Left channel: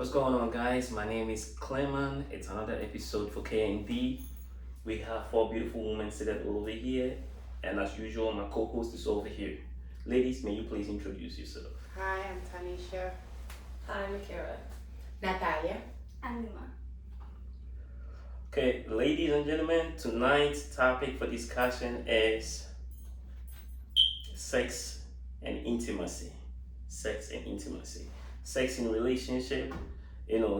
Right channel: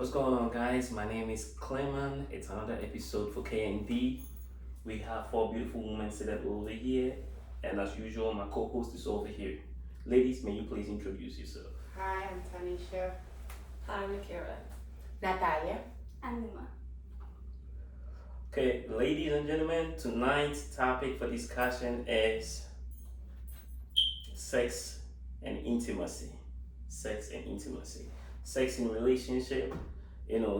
What's going on, guys? My name is Clement. It's another episode for KND. We have four beautiful women seated over here, and as usual, my co-host is over here. Ladies, may you please introduce yourself? Hi, I'm Tanisha. Hi, Makara. Natalia. Anima. Okay, ladies and gentlemen, tonight's topic for discussion is sex and intimacy. Sex and intimacy. Sex in relationship,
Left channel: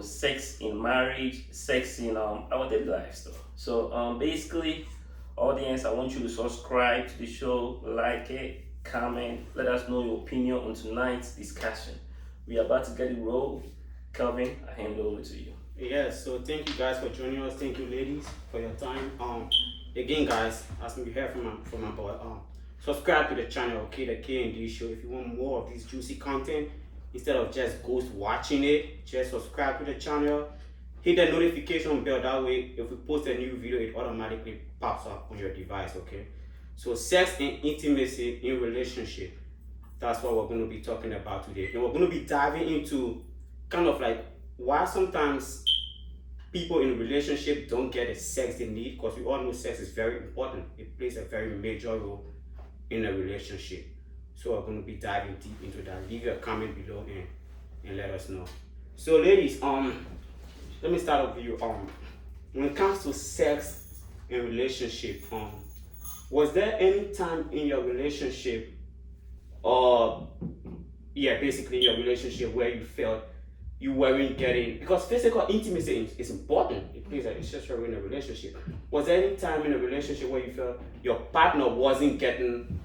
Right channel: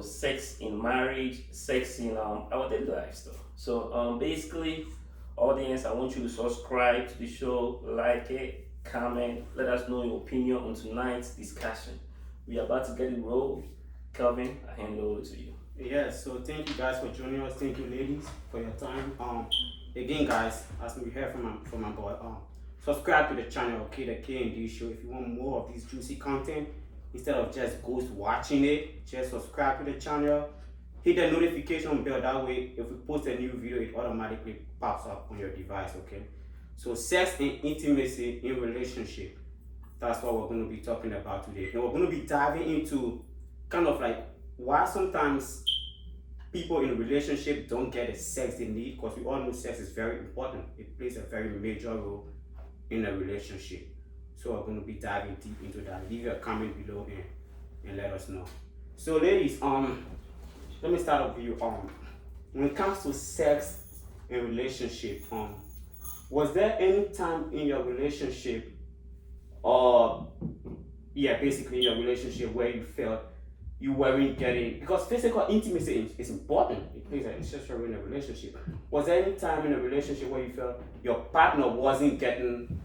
sex in marriage, sex in our daily lives though. So basically, audience, I want you to subscribe to the show, like it, comment, let us know your opinion on tonight's discussion. We are about to get it rolled. Calvin, I hand it over to you. Yes, so thank you guys for joining us. Thank you, ladies, for your time. Again, guys, as we heard from my boy, subscribe to the channel, okay, the K&D Show. If you want more of this juicy content, instead of just ghost watching it, just subscribe to the channel. Hit the notification bell. That way, if we post a new video, it automatically pops up on your device. Okay. So, sex and intimacy in relationship. That's what we're going to be talking about today, and we're going to be diving into kind of like why sometimes people in a relationship don't get the sex they need, because we all know sex is very important. It plays a very major role in a relationship. So we're going to be diving deep into that. Leave your comment below and let us know. So ladies, let me start off with you. When it comes to sex and relationship, was there any time in your relationship, basically in your relationship where you felt you weren't getting, because physical intimacy is important. It plays an essential role in a relationship. Was there any time in a relationship where you felt your partner wasn't getting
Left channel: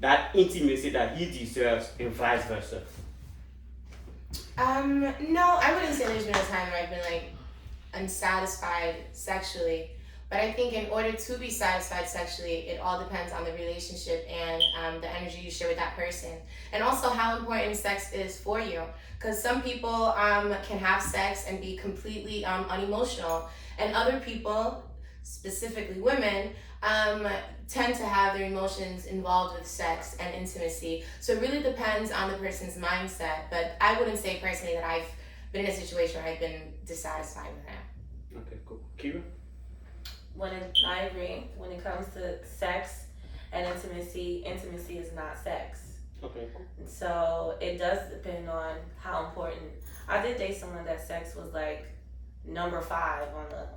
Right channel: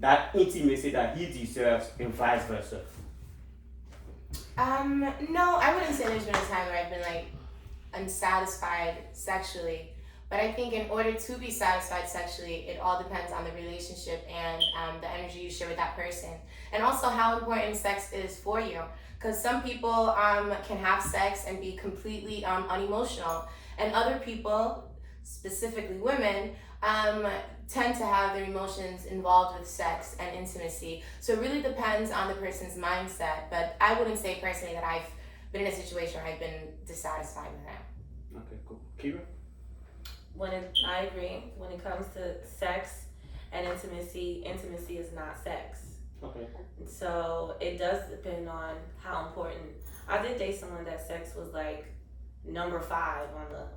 that intimacy that he deserves and vice versa? No, I wouldn't say there's been a time where I've been like unsatisfied sexually. But I think in order to be satisfied sexually, it all depends on the relationship and the energy you share with that person. And also how important sex is for you. Because some people can have sex and be completely unemotional. And other people, specifically women, tend to have their emotions involved with sex and intimacy. So it really depends on the person's mindset. But I wouldn't say personally that I've been in a situation where I've been dissatisfied with him. Okay, cool. Kira? I agree. When it comes to sex and intimacy is not sex. Okay, cool. So it does depend on how important. I did date someone that sex was like number 5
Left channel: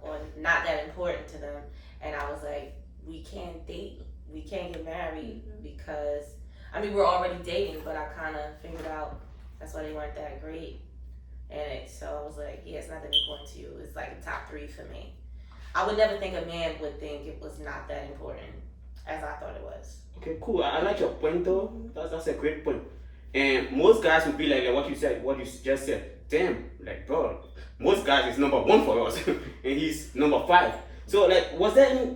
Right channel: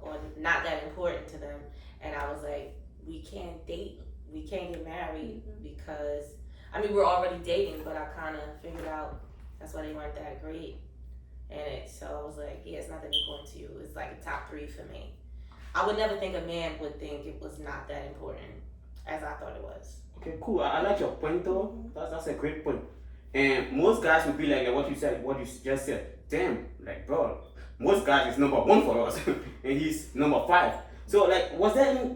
or not that important to them, and I was like, we can't date, we can't get married because we're already dating, but I kind of figured out that's why they weren't that great, so I was like, yeah, it's not that important to you. It's like a top 3 for me. I would never think a man would think it was not that important as I thought it was. Okay, cool. I like your point though. That's a great point. And most guys would be like what you just said. Damn, like bro, most guys is number 1 for us, and he's number 5. So like,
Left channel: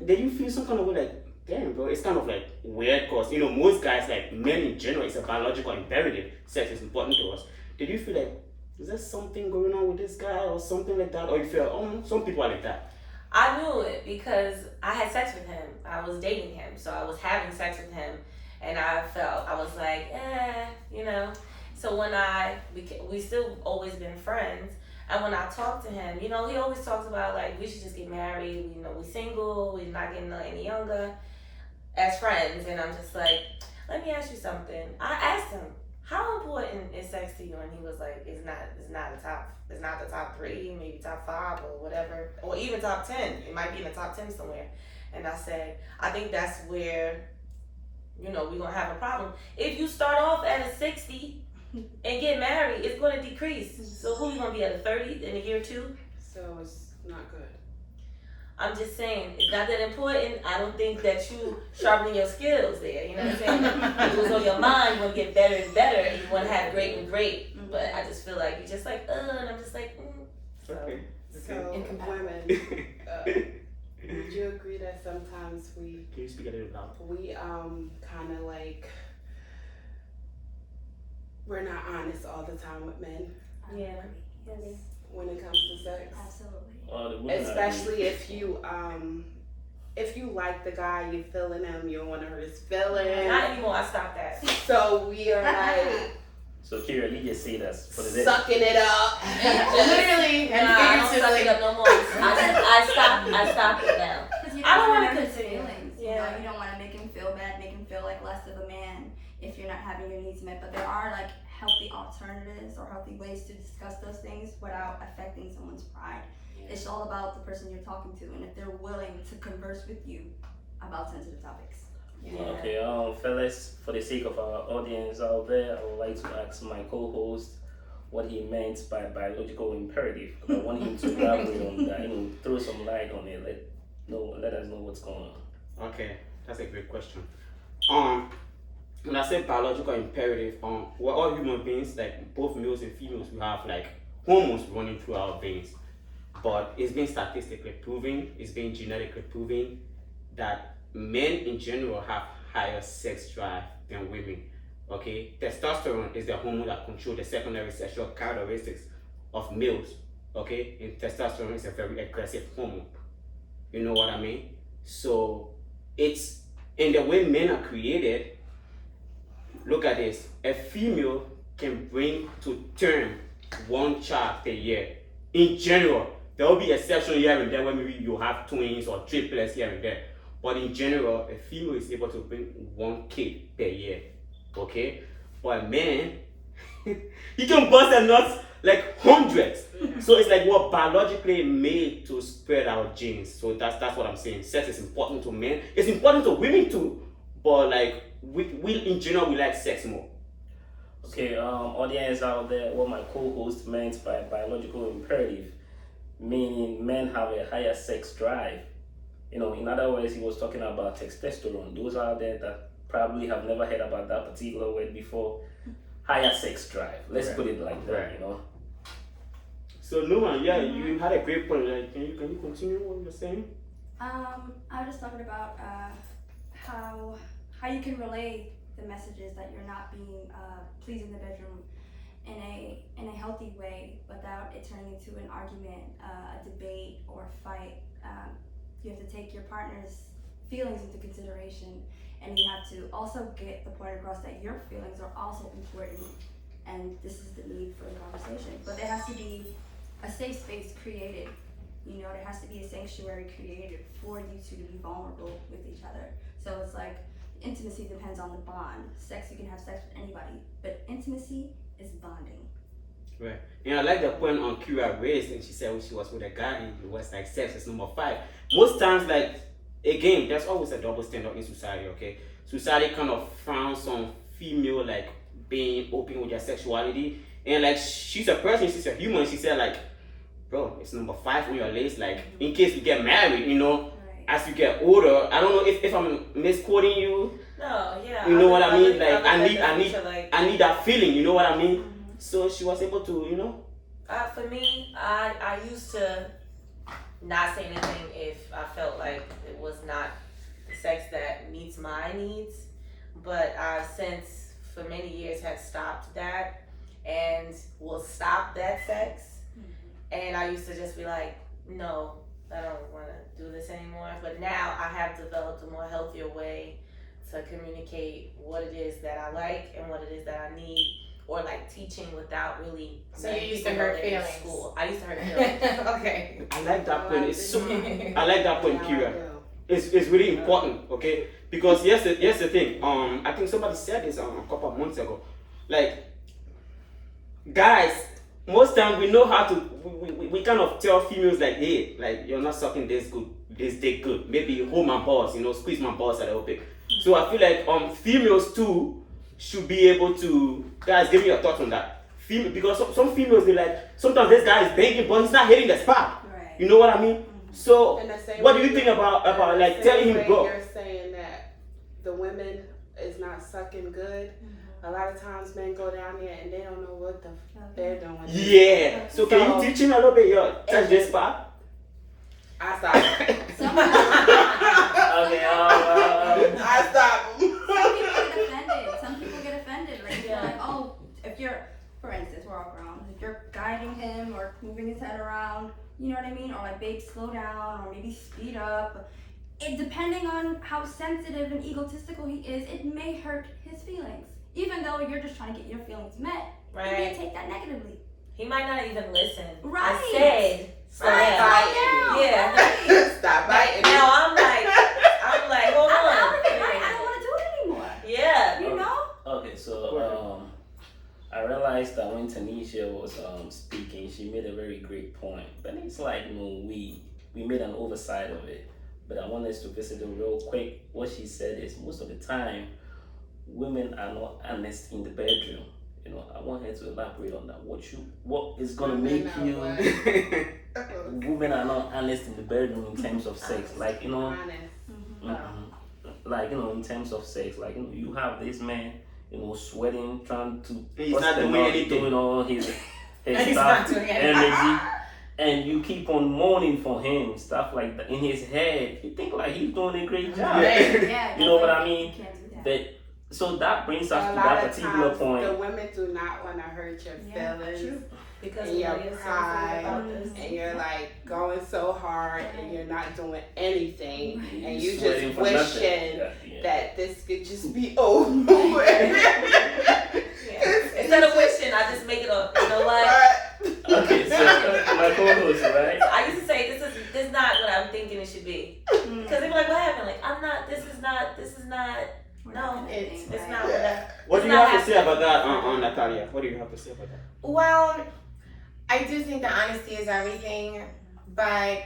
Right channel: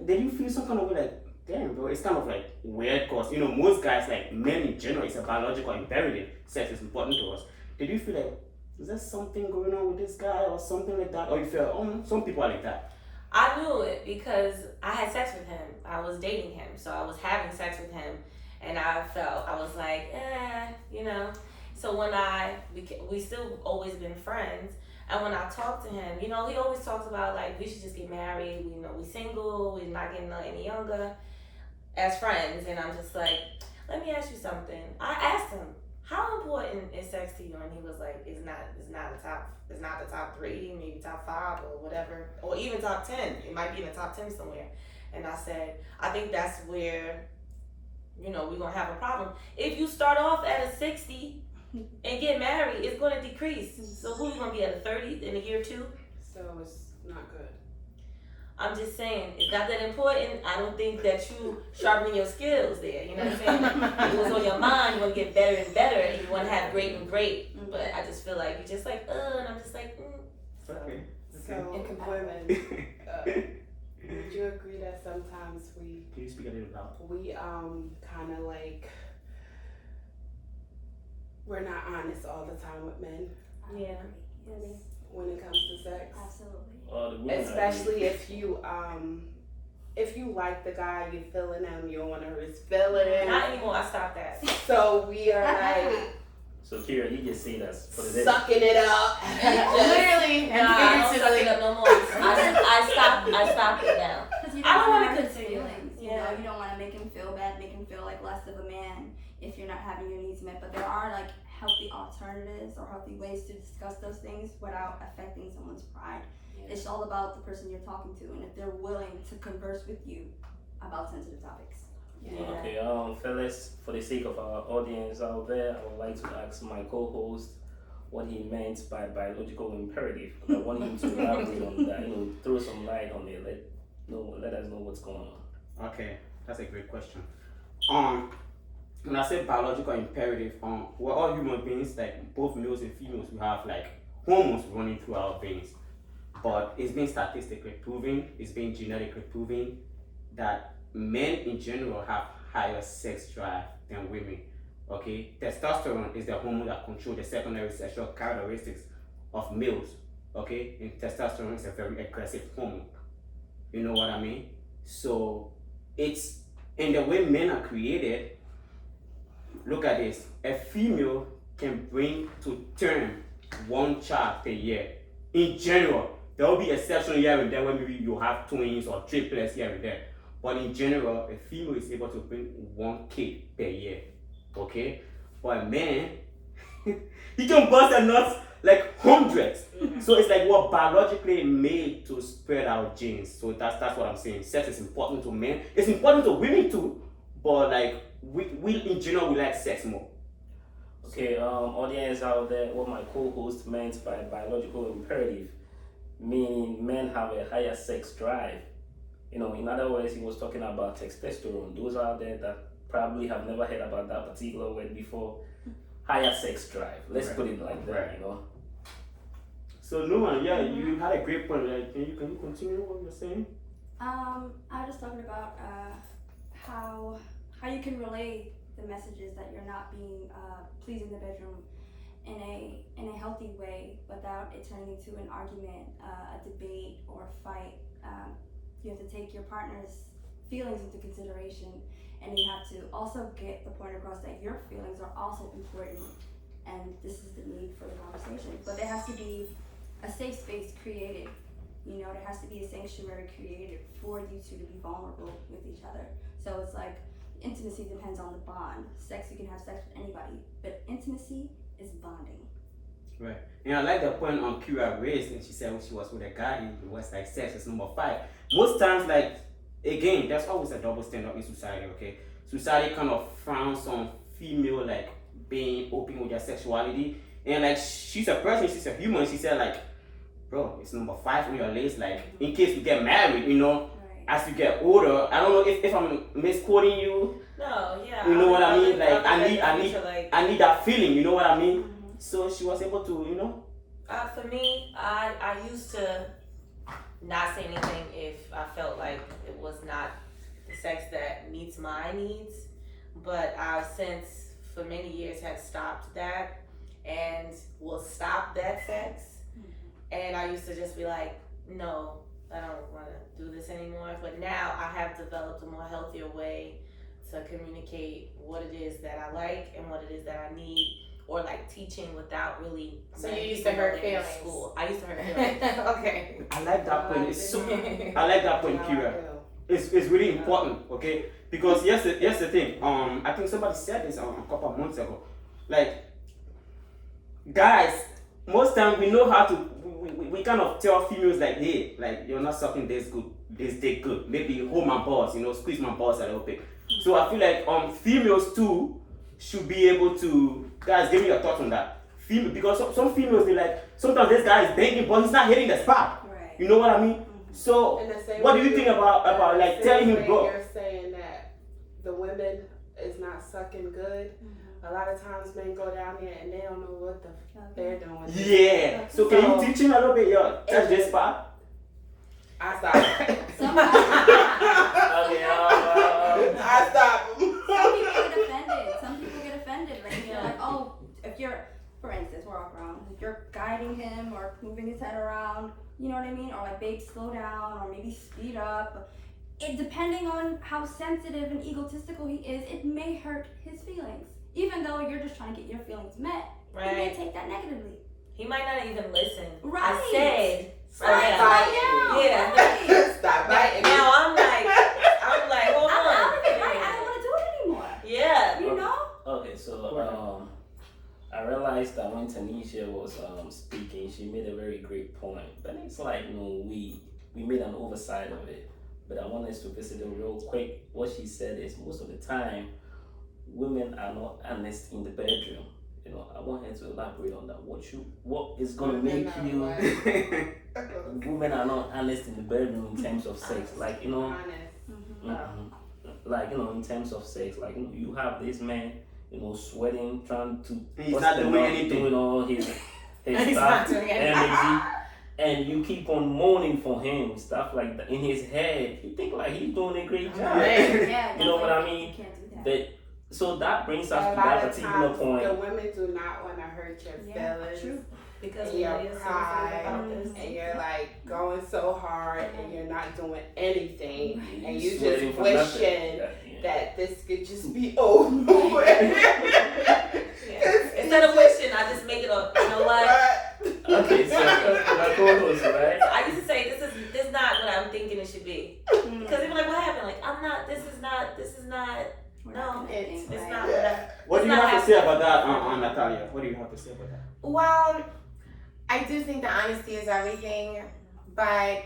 did you feel some kind of way like, damn bro, it's kind of like weird, cause most guys, like men in general, it's a biological imperative. Sex is important to us. Did you feel like, is there something going on with this guy or something like that, or you feel some people are like that? I knew it because I had sex with him. I was dating him, so I was having sex with him, and I was like, So when we still always been friends, and when I talked to him, he always talks about like we should just get married. We single, we're not getting any younger, as friends, and I'm just like, let me ask you something. I asked him, how important is sex to you? And he was like, it's not the top 3, maybe top 5 or whatever, or even top 10. It might be in the top 10 somewhere. And I said, I think that's where, we're gonna have a problem. If you start off at a 60 and get married, it's gonna decrease. So who are you gonna be at a 30 in a year 2? So it's not good. I'm just saying, it's not that important. I don't think that you sharpening your skills there. You know what I'm saying? It was on your mind. You want to get better and better, and you want to have great and great. But I just feel like you're just like, and I'm just like, Okay. So women, would you agree that sometimes Can you speak a little loud? we kind of like, we're not honest all the time with men Yeah. when it comes to sex? Absolutely. Especially if you like the guy, you're feeling him, you don't want to hurt his feelings. Not anymore. I stopped that. So we are like, So Kira, you just say that's what it is. Sucking it up. Literally and Nah, I don't suck it figuratively. up no more. I stopped it now. Because you I don't don't want wanna to hurt his continue. feelings. You know, Yeah. you don't want to make him feel bad, make him feel like less of a man if you're not having your needs met. But there are like healthy alternatives or healthy ways to discuss those things without affecting someone's pride. It's all about the person you're talking to and if they're willing to converse with you about sensitive topics. Okay, fellas, for the sake of our audience out there, I would like to ask my co-host what he meant by biological imperative. I want him to elaborate on that, throw some light on it. Let us know what's going on. Okay, that's a great question. When I say biological imperative, we're all human beings, like both males and females, we have like hormones running through our veins. But it's been statistically proven, it's been genetically proven that men in general have higher sex drive than women. Okay, testosterone is the hormone that controls the secondary sexual characteristics of males. Okay, and testosterone is a very aggressive hormone. You know what I mean? So it's in the way men are created. Look at this: a female can bring to term one child per year. In general, there will be exceptions here and there where maybe you have twins or triplets here and there. But in general, a female is able to bring one kid per year. Okay? But a man, he can bust a nut like hundreds. So it's like we're biologically made to spread our genes. So that's what I'm saying. Sex is important to men. It's important to women too. But like we in general we like sex more. Okay, audience out there, what my co-host meant by biological imperative, meaning men have a higher sex drive. In other words, he was talking about testosterone. Those out there that probably have never heard about that particular word before. Higher sex drive. Let's put it like that, So Numan, yeah, you had a great point. Like, can you continue what you're saying? I was just talking about how you can relay the messages that you're not being pleased in the bedroom in a healthy way without it turning into an argument, a debate, or a fight. You have to take your partner's feelings into consideration, and you have to also get the point across that your feelings are also important, and this is the need for the conversation. But there has to be a safe space created. There has to be a sanctuary created for you two to be vulnerable with each other. So it's like intimacy depends on the bond. Sex, you can have sex with anybody, but intimacy is bonding. Right. And I like the point on Kira raised, and she said when she was with a guy, it was like sex is number 5. Most times, like, again, there's always a double standard in society, okay? Society kind of frowns on female, like, being open with their sexuality. And, like, she's a person, she's a human. She said, like, bro, it's number 5 on your list. Like, in case you get married, Right. as you get older, I don't know if I'm misquoting you. No, yeah. You know what I mean? Like, I I need that feeling, you know what I mean? Mm-hmm. So she was able to, For me, I used to not say anything if I felt like it was not the sex that meets my needs. But I've since, for many years, had stopped that and will stop that sex. And I used to just be like, no, I don't want to do this anymore. But now I have developed a more healthier way to communicate what it is that I like and what it is that I need. Or like teaching without really. So you used to hurt feelings. School. I used to hurt feelings. Okay. I like that point. It's so, I like that point, Yeah, Kira. yeah. It's really important, okay? Because here's the thing. I think somebody said this a couple of months ago. Like, guys, most time we know how to. We kind of tell females like, hey, like you're not sucking this dick good. Maybe hold my balls, squeeze my balls a little bit. So I feel like females too should be able to. Guys, give me your thoughts on that. Because some females, they like, sometimes this guy is banging, but he's not hitting the spot. Right. You know what I mean? So, In the same what do way you think about like same telling him, way bro? You're saying that the women is not sucking good. A lot of times men go down there and they don't know what the they're doing. Yeah. So can you teach him a little bit, touch this spot? I stop. Okay, I stop. Some people get offended. Like, they're like, oh, if you're, for instance, we're all grown. If you're guiding him or moving his head around, you know what I mean? Or like, babe, slow down, or maybe speed up. Depending on how sensitive and egotistical he is, it may hurt his feelings. Even though you're just trying to get your feelings met, He may right? take that negatively. He might not even listen. Right. I said, Stop yeah. biting. Yeah. Stop biting. Now I'm like, hold I'm on. right. I don't want to do it anymore. Yeah. You know? Okay, so I realized that when Tanisha was speaking, she made a very great point. But it's like, we made an oversight of it. But I want us to visit it real quick. What she said is most of the time, women are not honest in the bedroom. I want her to elaborate on that. What is gonna make you? Women are not honest in the bedroom in terms of sex. Like Honest. like in terms of sex. Like you have this man, sweating, trying to. He's bust not them doing up, anything. doing all his He's stuff, not doing anything. energy, and you keep on moaning for him, stuff like that in his head. You think like he's doing a great job. Yeah. You know what I mean? You can't do that. But so that brings A us to lot that of particular times, point. the women do not want to hurt your Yeah, feelings. true. Because And your Malia said something pride, about this. and you're like going so hard, and you're not doing anything, and you Sweating just for nothing. wishing Yeah. that this could just be over. Yeah. Instead of wishing, I just make it a, you know what? Okay, so my co-host, right? I used to say this is not what I'm thinking it should be. Because they be like, what happened? Like, this is not, We're no, not gonna it's- think, it's right? not what I, What do It's you not have to say happening. about that, Natalia? What do you have to say about that? Well, I do think that honesty is everything, but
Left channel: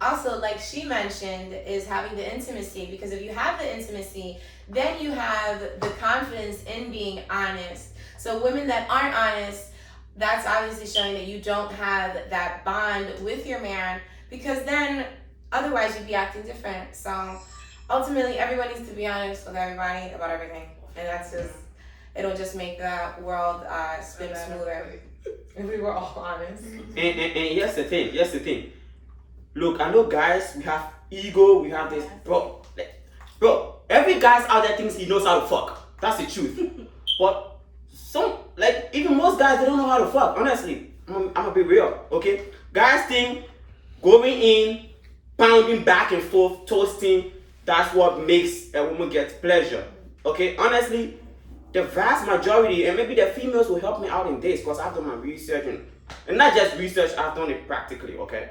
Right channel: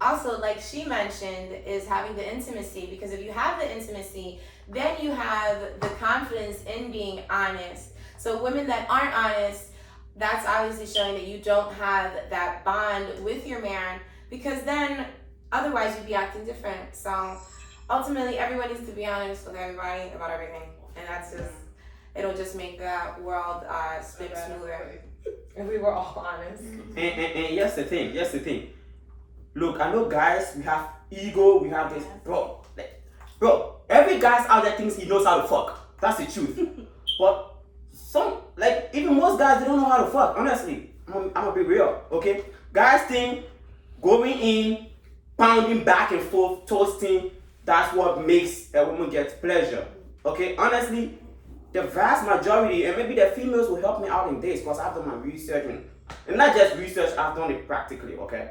also, like she mentioned, is having the intimacy. Because if you have the intimacy, then you have the confidence in being honest. So women that aren't honest, that's obviously showing that you don't have that bond with your man, because then otherwise you'd be acting different. So ultimately, everyone needs to be honest with everybody about everything, and that's just, it'll just make the world spin smoother if we were all honest. And here's the thing. Look, I know guys, we have ego, we have this, bro. Every guy's out there thinks he knows how to fuck. That's the truth. But even most guys, they don't know how to fuck. Honestly, I'm gonna be real, okay? Guys think going in, pounding back and forth, toasting, that's what makes a woman get pleasure. Okay, honestly, the vast majority, and maybe the females will help me out in this because I've done my research and not just research, I've done it practically, okay?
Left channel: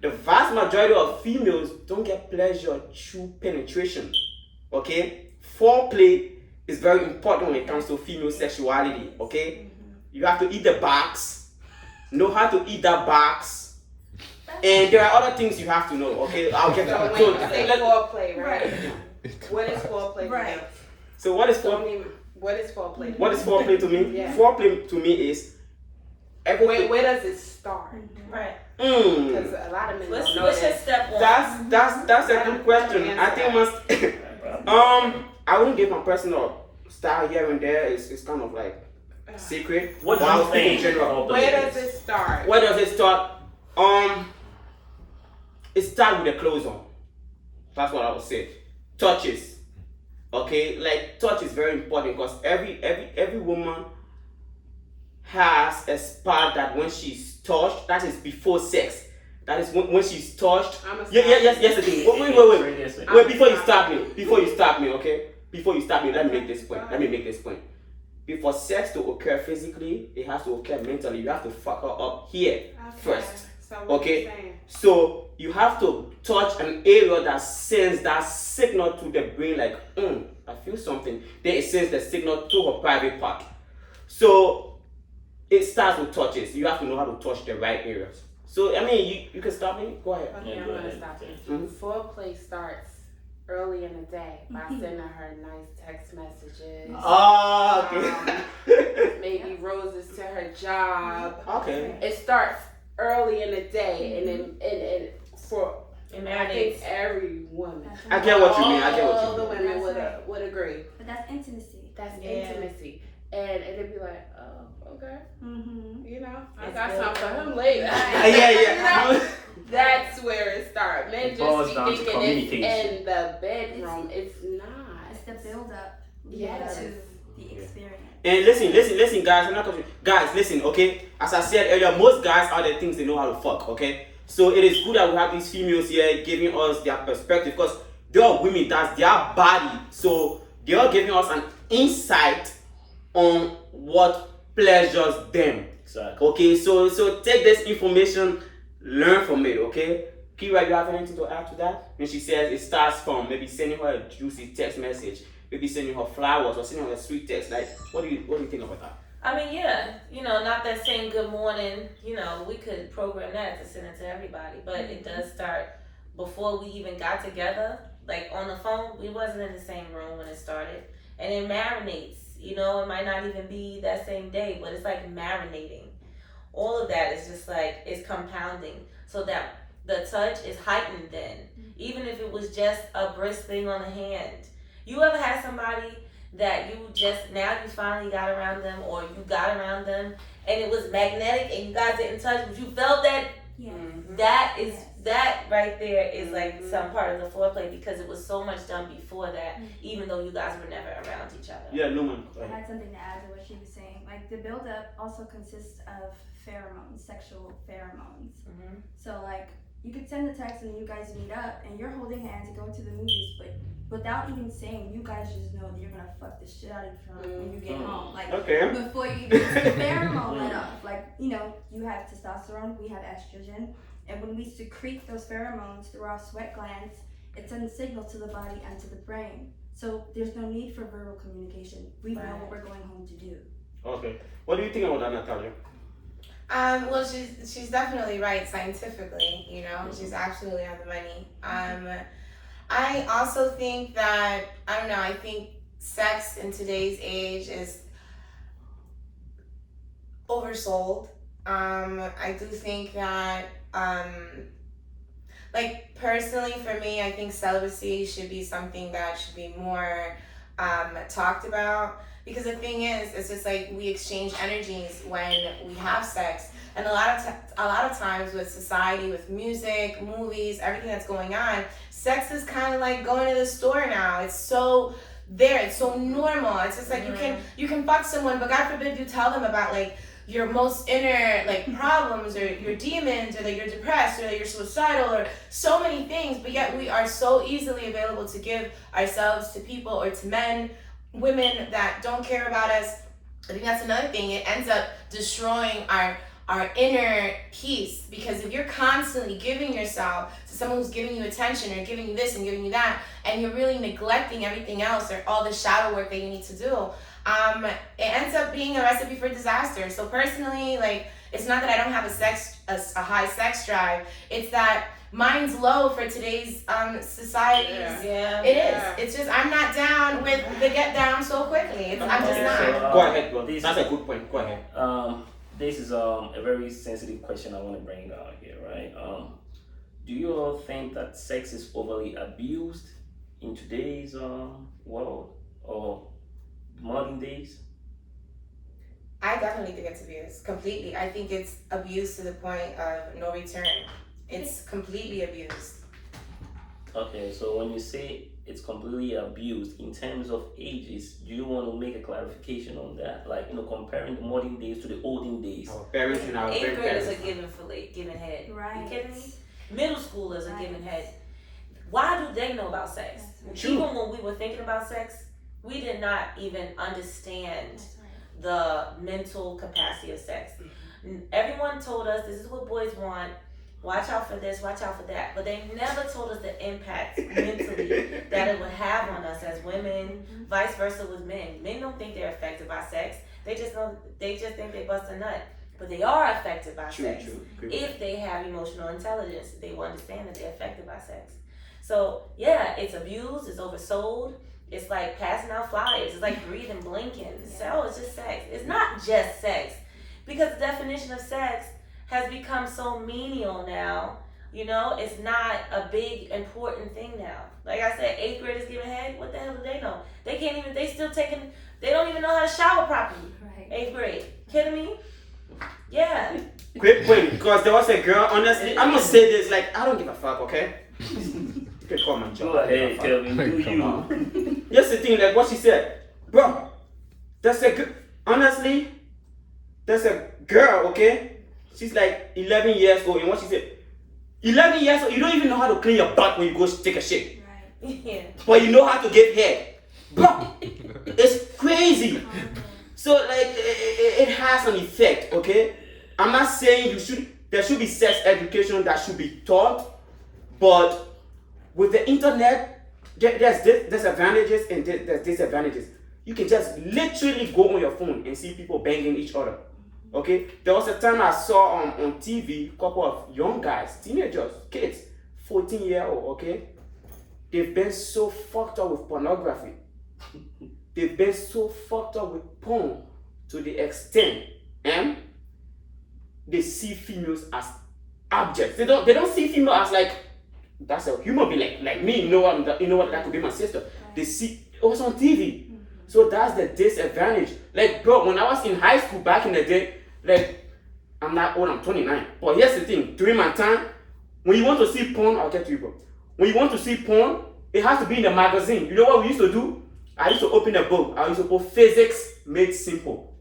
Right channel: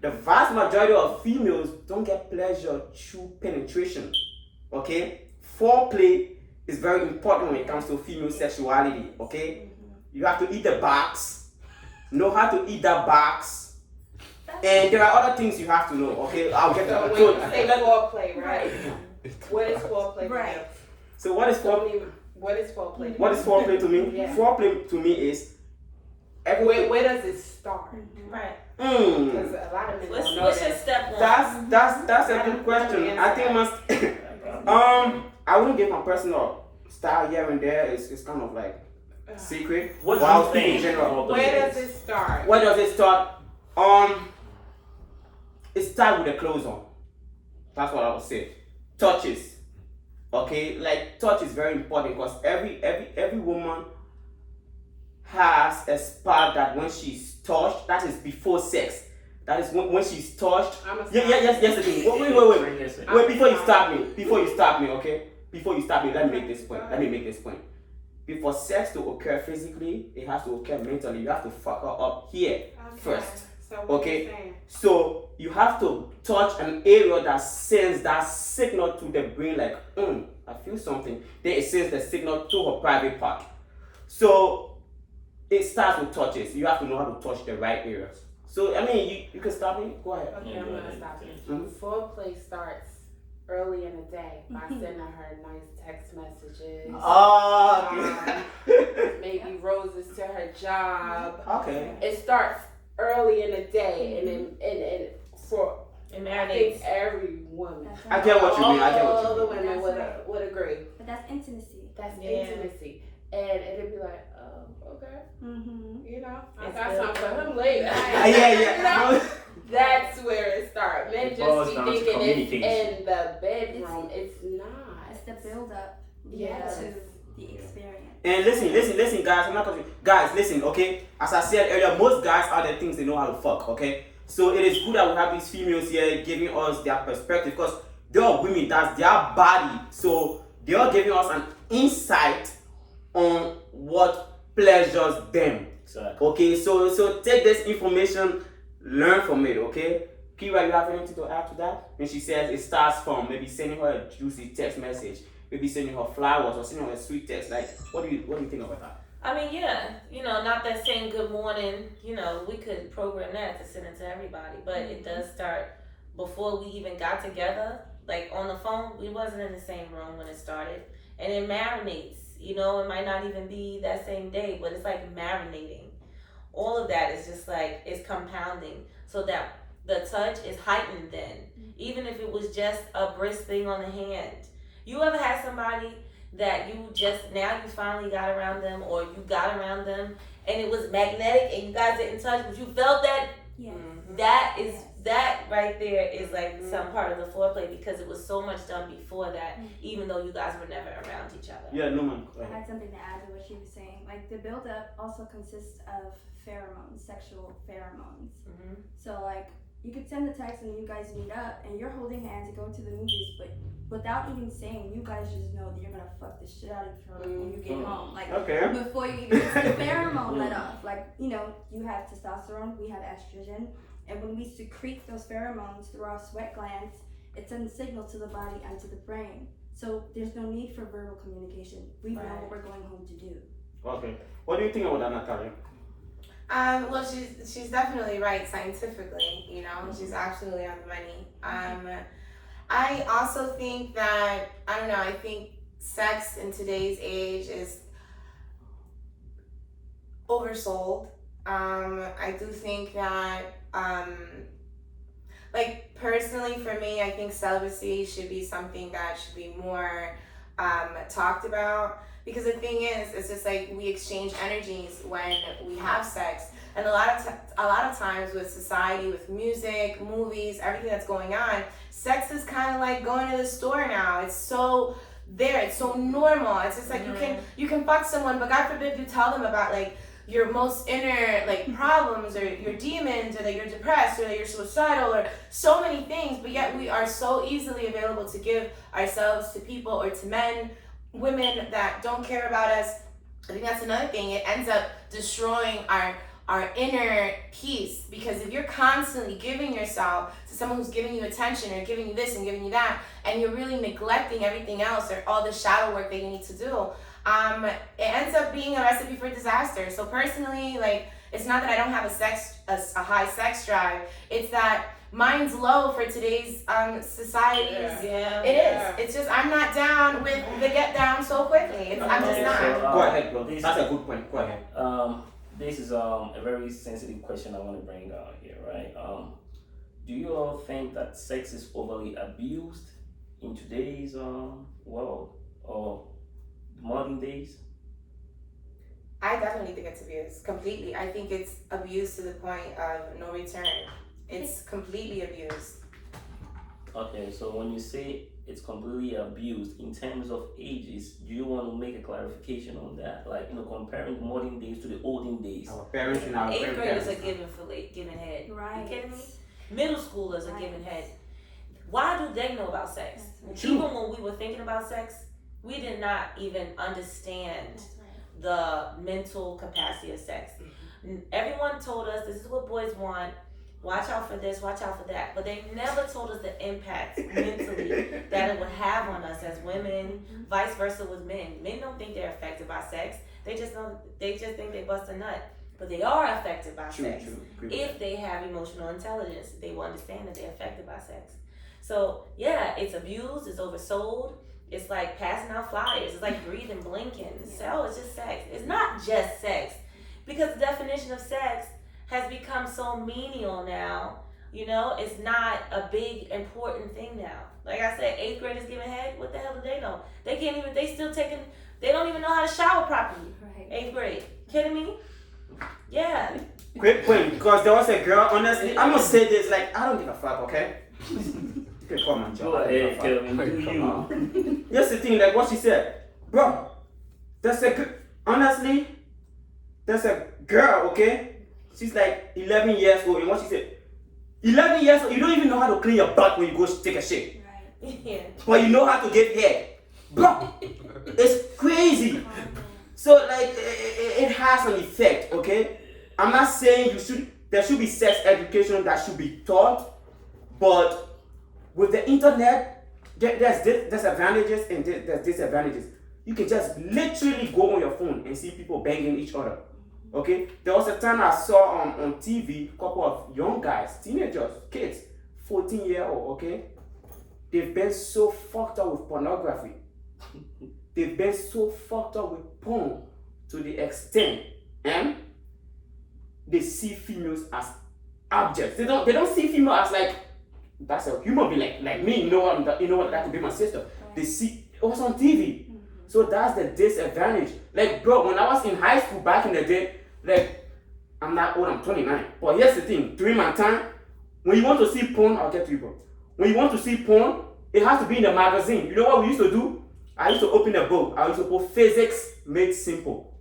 The vast majority of females don't get pleasure through penetration, okay? Foreplay is very important when it comes to female sexuality, okay? You have to eat the box, know how to eat that box, and there are other things you have to know, okay? I'll get So to when so, you say foreplay, right? What is foreplay? Right. so what is foreplay? What is foreplay? What is foreplay to me? Yeah. Foreplay to me is every Where does it start? right. Because a lot of men What's don't know your that. step one? That's a good question. I think I wouldn't give my personal style here and there. It's kind of like secret. What do But I'll you speak in think? general. Where does it start? Where does it start? It starts with the clothes on. That's what I would say. Touches. Okay, like touch is very important because every woman has a spot that when she's touched, that is before sex. That is when she's touched. Yes, the thing. Wait, before you stop me, okay? Before you stop me, let me make this point. Before sex to occur physically, it has to occur mentally. You have to fuck her up here first. So what Okay. you saying? So you have to touch an area that sends that signal to the brain, like, I feel something. Then it sends the signal to her private part. So it starts with touches. You have to know how to touch the right areas. So I mean, you can stop me. Go ahead. Okay, Yeah, I'm go gonna ahead. stop you. Mhm. Foreplay starts early in the day by sending her nice text messages. Oh, Maybe roses to her job. okay. It starts early in the day, and then and for And I think every woman, I get what you mean. all the mean. women That's would right. would agree. But that's intimacy. That's Yeah. intimacy, and it'd be like, oh, okay, Mm-hmm. you know, I It's got good. something for him later. Yeah. That's where it starts. Men It boils just down be to thinking it's communication. in the bedroom. It's not. It's the build up Yes. to the experience. And listen, guys. I'm not talking. Guys, listen, okay. As I said earlier, most guys are the things they know how to fuck, okay. So it is good that we have these females here giving us their perspective because they are women. That's their body. So they are giving us an insight on what pleasures them. Exactly. Okay, so take this information, learn from it. Okay, Kira, you have anything to add to that? When she says it starts from maybe sending her a juicy text message, maybe sending her flowers or sending her a sweet text. Like, what do you think about that? I mean, yeah, not that saying good morning, we could program that to send it to everybody, but it does start before we even got together, like on the phone. We wasn't in the same room when it started, and it marinates, it might not even be that same day, but it's like marinating. All of that is just like, it's compounding, so that the touch is heightened then, even if it was just a brisk thing on the hand. You ever had somebody that you finally got around them, or you got around them and it was magnetic and you guys get in touch, but you felt that? Yeah. That right there is like some part of the foreplay, because it was so much done before that, even though you guys were never around each other. Yeah, no man. I had something to add to what she was saying. Like, the build-up also consists of pheromones, sexual pheromones. Mhm. So, like, you could send the text and you guys meet up and you're holding hands to go to the movies, but without even saying, you guys just know that you're gonna fuck the shit out of each other when you get home. Like, Okay. before you even get the pheromone let off. Like, you have testosterone, we have estrogen, and when we secrete those pheromones through our sweat glands, it sends signals to the body and to the brain. So there's no need for verbal communication. We know what we're going home to do. Okay. What do you think about that, Natalia? Well, she's definitely right scientifically. She's absolutely on the money. I also think that, I don't know, I think sex in today's age is oversold. I do think that, like, personally for me, I think celibacy should be something that should be more talked about. Because the thing is, it's just like we exchange energies when we have sex. And a lot of times with society, with music, movies, everything that's going on, sex is kind of like going to the store now. It's so there. It's so normal. It's just like you can fuck someone, but God forbid you tell them about like your most inner like problems or your demons, or that you're depressed, or that you're suicidal, or so many things. But yet we are so easily available to give ourselves to people or to men, women that don't care about us. I think that's another thing. It ends up destroying our inner peace, because if you're constantly giving yourself to someone who's giving you attention or giving you this and giving you that, and you're really neglecting everything else or all the shadow work that you need to do, it ends up being a recipe for disaster. So personally, like, it's not that I don't have a high sex drive, it's that mine's low for today's societies. Yeah. It is. It's just I'm not down with the get down so quickly. I'm just not. Go ahead, bro. This That's a good point. Go ahead. This is a very sensitive question I want to bring out here, right? Do you all think that sex is overly abused in today's world or modern days? I definitely think it's abused completely. I think it's abused to the point of no return. It's completely abused. Okay, so when you say it's completely abused in terms of ages, do you want to make a clarification on that? Like, comparing modern days to the olden days. Our parents and our 8th graders grandparents. are giving head. Right. You kidding me? Middle schoolers are giving head. Why do they know about sex? That's right. Even when we were thinking about sex, we did not even understand That's right. the mental capacity of sex. Everyone told us this is what boys want. Watch out for this, watch out for that. But they never told us the impact mentally that it would have on us as women, vice versa with men. Men don't think they're affected by sex. They just think they bust a nut. But they are affected by sex. True. If they have emotional intelligence, they will understand that they're affected by sex. So yeah, it's abused, it's oversold. It's like passing out flyers. It's like breathing, blinking. So it's just sex. It's not just sex, because the definition of sex has become so menial now. It's not a big important thing now. Like I said, 8th graders giving head. What the hell do they know? They can't even. They don't even know how to shower properly. Right. 8th grade. Kidding me? Yeah. Great point. Because there was a girl. Honestly, I'm gonna say this. Like, I don't give a fuck. Okay. You can call my job. Go ahead, Kelvin. Do you? Here's the thing. Like what she said, bro. Honestly, there's a girl. Okay. She's like 11 years old, and what she said, 11 years old, you don't even know how to clean your butt when you go take a shit. Right. Yeah. But you know how to give head. Bro, it's crazy. So like it has an effect, okay? I'm not saying there should be sex education that should be taught, but with the internet, there's disadvantages and there's disadvantages. You can just literally go on your phone and see people banging each other. Okay? There was a time I saw on TV a couple of young guys, teenagers, kids, 14-year-old, okay? They've been so fucked up with pornography. They've been so fucked up with porn to the extent, and they see females as objects. They don't see female as like that's a human being like me. You know what? That could be my sister. They see it was on TV. So that's the disadvantage. Like, bro, when I was in high school back in the day, like, I'm not old, I'm 29. But here's the thing, during my time, when you want to see porn, I'll get to you, bro. When you want to see porn, it has to be in the magazine. You know what we used to do? I used to open a book. I used to put Physics Made Simple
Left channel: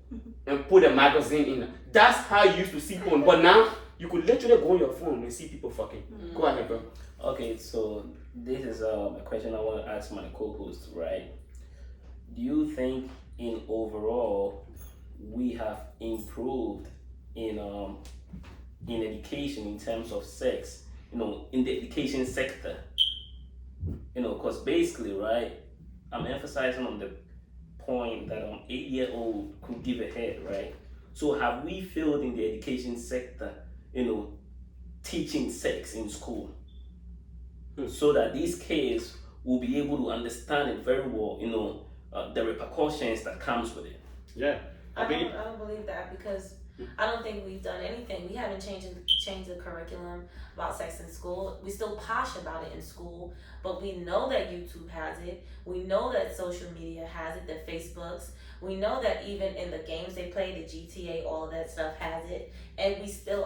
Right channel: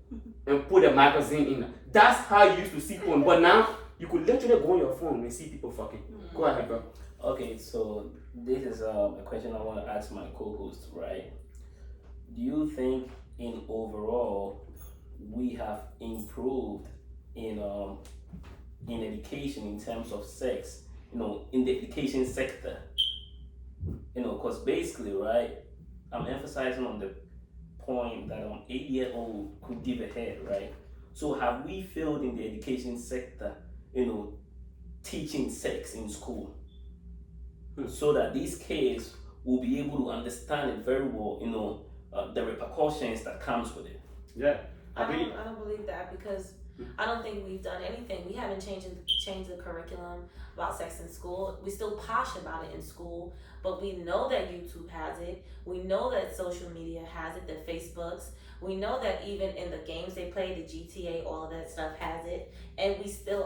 and put a magazine in. That's how you used to see porn. But now, you could literally go on your phone and see people fucking. Go ahead, bro. Okay, so this is a question I want to ask my co-host, right? Do you think in overall we have improved in education in terms of sex, in the education sector? Because basically, right, I'm emphasizing on the point that an 8-year-old could give a head, right? So have we failed in the education sector, teaching sex in school? So that these kids will be able to understand it very well, the repercussions that comes with it. Yeah. I don't believe that, because I don't think we've done anything. We haven't changed the curriculum about sex in school. We still posh about it in school, but we know that YouTube has it. We know that social media has it, the Facebooks. We know that even in the games they play, the GTA, all of that stuff has it. And we still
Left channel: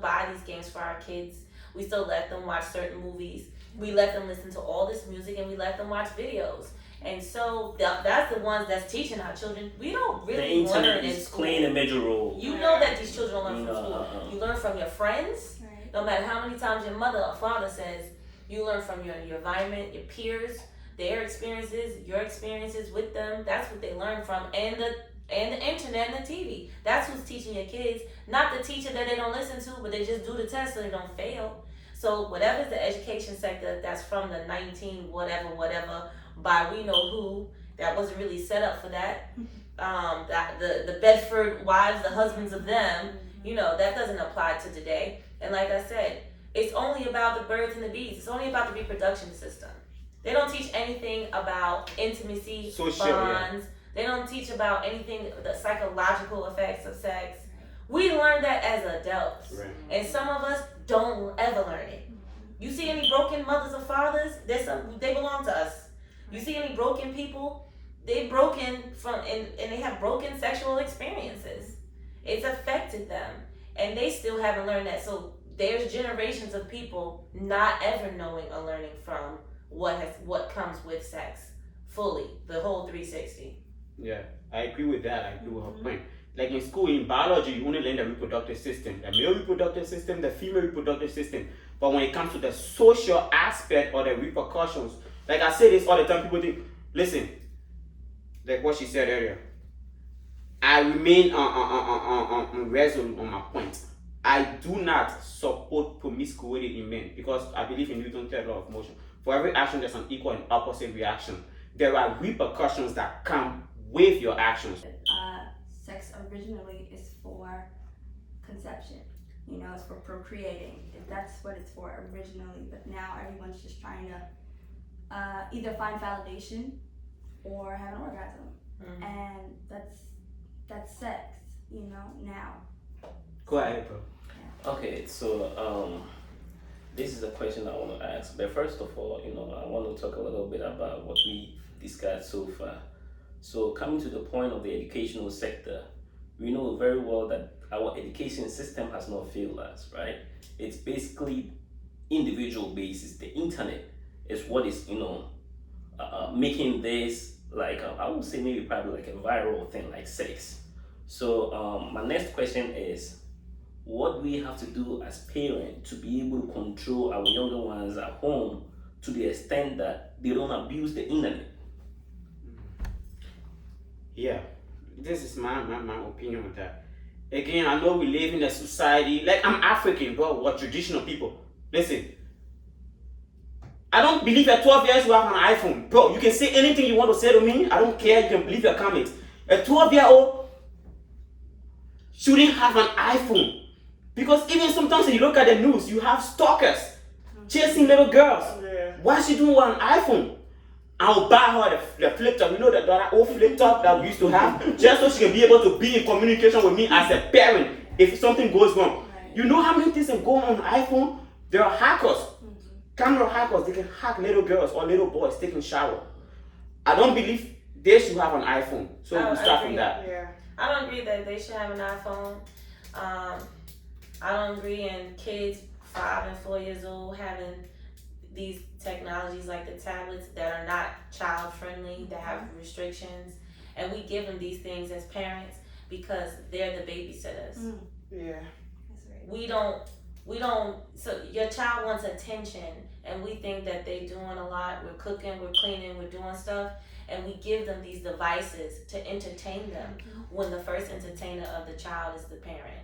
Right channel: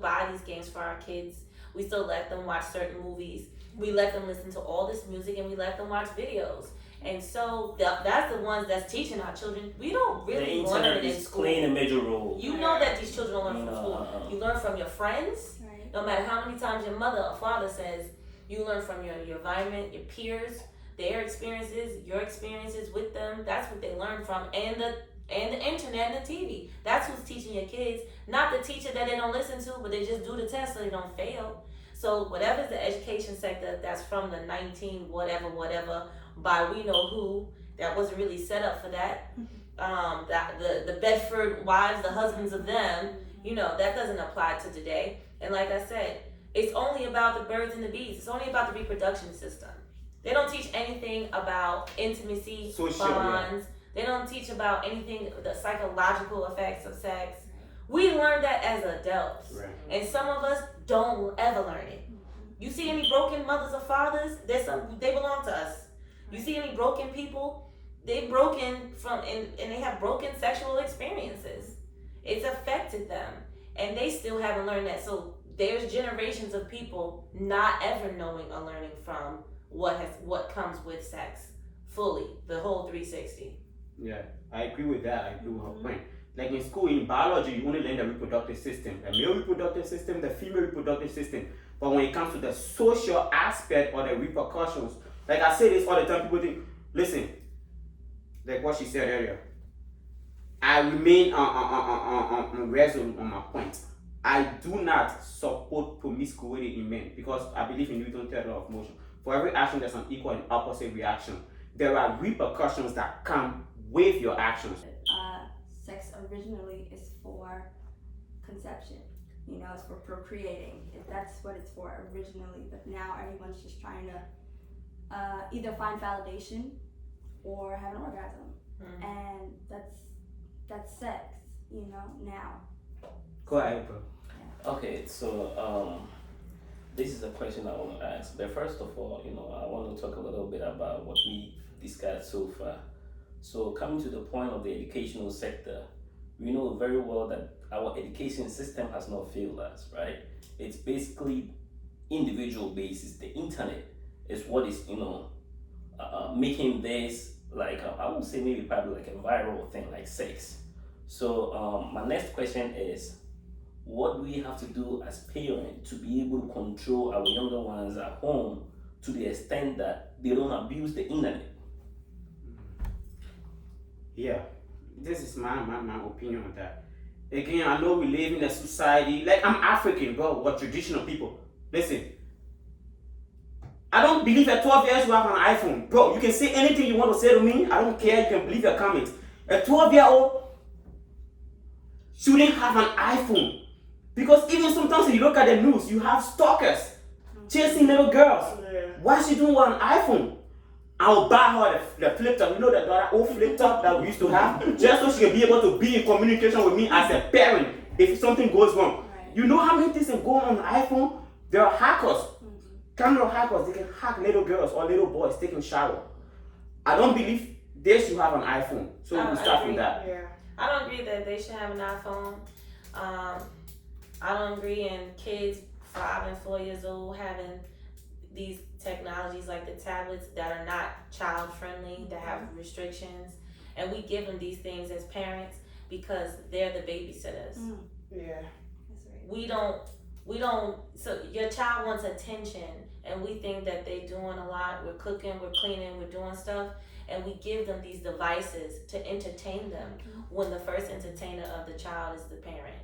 buy these games for our kids. We still let them watch certain movies. We let them listen to all this music, and we let them watch videos. And so that's the ones that's teaching our children. We don't really the learn internet in is school. playing a major role. You know that these children don't learn from school. You learn from your friends. Right. No matter how many times your mother or father says, you learn from your environment, your peers, their experiences, your experiences with them. That's what they learn from. And the internet and the TV. That's who's teaching your kids. Not the teacher that they don't listen to, but they just do the test so they don't fail. So whatever's the education sector that's from the 19 whatever by we know who, that wasn't really set up for that. The Bedford wives, the husbands of them, that doesn't apply to today. And like I said, it's only about the birds and the bees. It's only about the reproduction system. They don't teach anything about intimacy, bonds. They don't teach about anything, the psychological effects of sex. We learn that as adults. Right. And some of us don't ever learn it. You see any broken mothers or fathers? They belong to us. You see any broken people? They've broken and they have broken sexual experiences. It's affected them, and they still haven't learned that. So there's generations of people not ever knowing or learning from what comes with sex fully, the whole 360. Yeah, I agree with that. I agree with her point. Like in school, in biology, you only learn the reproductive system, the male reproductive system, the female reproductive system. But when it comes to the social aspect or the repercussions, like I say this all the time, people think, listen, like what she said earlier, I remain resolute on my point. I do not support promiscuity in men because I believe in Newton's third law of motion. For every action, there's an equal and opposite reaction. There are repercussions that come with your actions. Sex originally is for conception. It's for procreating. That's what it's for originally. But now everyone's just trying to either find validation or have an orgasm, and that's sex. Now. Go ahead, bro. Okay, so this is a question I want to ask. But first of all, I want to talk a little bit about what we discussed so far. So coming to the point of the educational sector, we know very well that our education system has not failed us, right? It's basically individual basis. The internet is what is, making this like, I would say maybe probably like a viral thing like sex. So my next question is, what do we have to do as parents to be able to control our younger ones at home to the extent that they don't abuse the internet? Yeah, this is my opinion on that. Again, I know we live in a society, like I'm African, bro, we're traditional people. Listen, I don't believe at 12 years you have an iPhone. Bro, you can say anything you want to say to me. I don't care. You can believe your comments. A 12-year-old shouldn't have an iPhone. Because even sometimes when you look at the news, you have stalkers chasing little girls. Yeah. Why she doing with an iPhone? I'll buy her the flip top. You know that old flip top that we used to have? Just so she can be able to be in communication with me as a parent if something goes wrong. You know how many things can go on iPhone? There are hackers. Camera hackers, they can hack little girls or little boys taking shower. I don't believe they should have an iPhone. So we start from that. Yeah. I don't agree that they should have an iPhone. I don't agree in kids 5 and 4 years old having these technologies like the tablets that are not child friendly, that have restrictions, and we give them these things as parents because they're the babysitters. Yeah. We don't. So your child wants attention, and we think that they're doing a lot. We're cooking, we're cleaning, we're doing stuff, and we give them these devices to entertain them when the first entertainer of the child is the parent.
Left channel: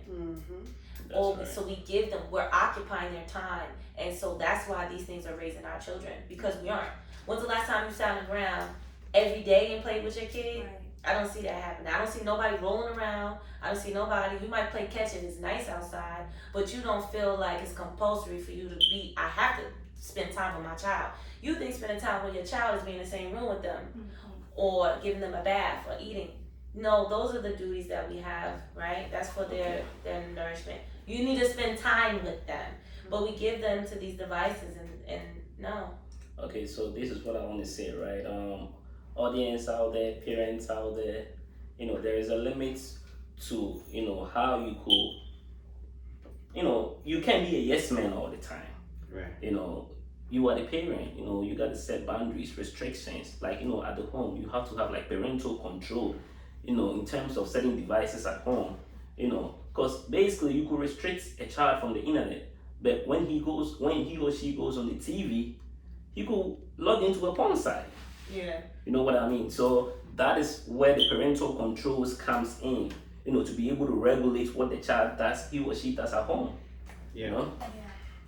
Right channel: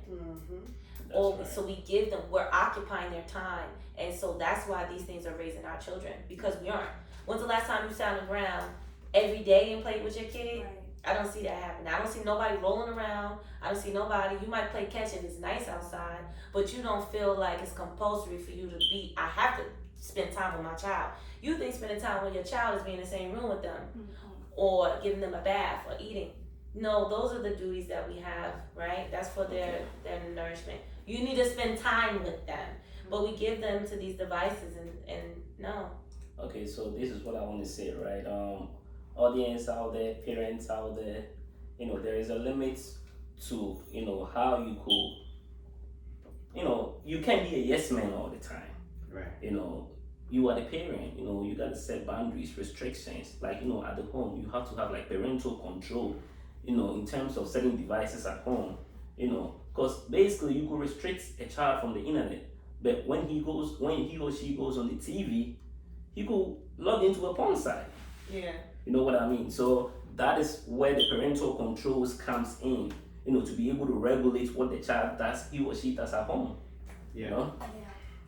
So we give them, we're occupying their time, and so that's why these things are raising our children, because we aren't. When's the last time you sat on the ground every day and played with your kid? I don't see that happening. I don't see nobody rolling around. I don't see nobody. You might play catch if it's nice outside, but you don't feel like it's compulsory for you to be, I have to spend time with my child. You think spending time with your child is being in the same room with them or giving them a bath or eating. No, those are the duties that we have, right? That's for their nourishment. You need to spend time with them, but we give them to these devices and no. Okay, so this is what I want to say, right? Audience out there, parents out there, there is a limit to, how you could, you can't be a yes man all the time. Right. You are the parent, you got to set boundaries, restrictions. Like, at the home, you have to have like parental control, in terms of setting devices at home, because basically you could restrict a child from the internet, but when he or she goes on the TV, he could log into a porn site. Yeah. You know what I mean? So that is where the parental controls comes in, to be able to regulate what the child does, he or she does at home. Yeah.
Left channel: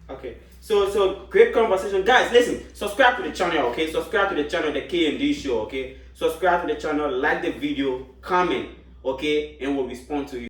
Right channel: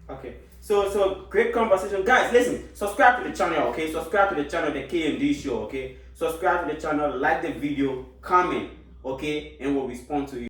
Okay. So great conversation. Guys, listen, subscribe to the channel, okay? Subscribe to the channel, the KMD Show, okay? Subscribe to the channel, like the video, comment, okay? And we'll respond to you.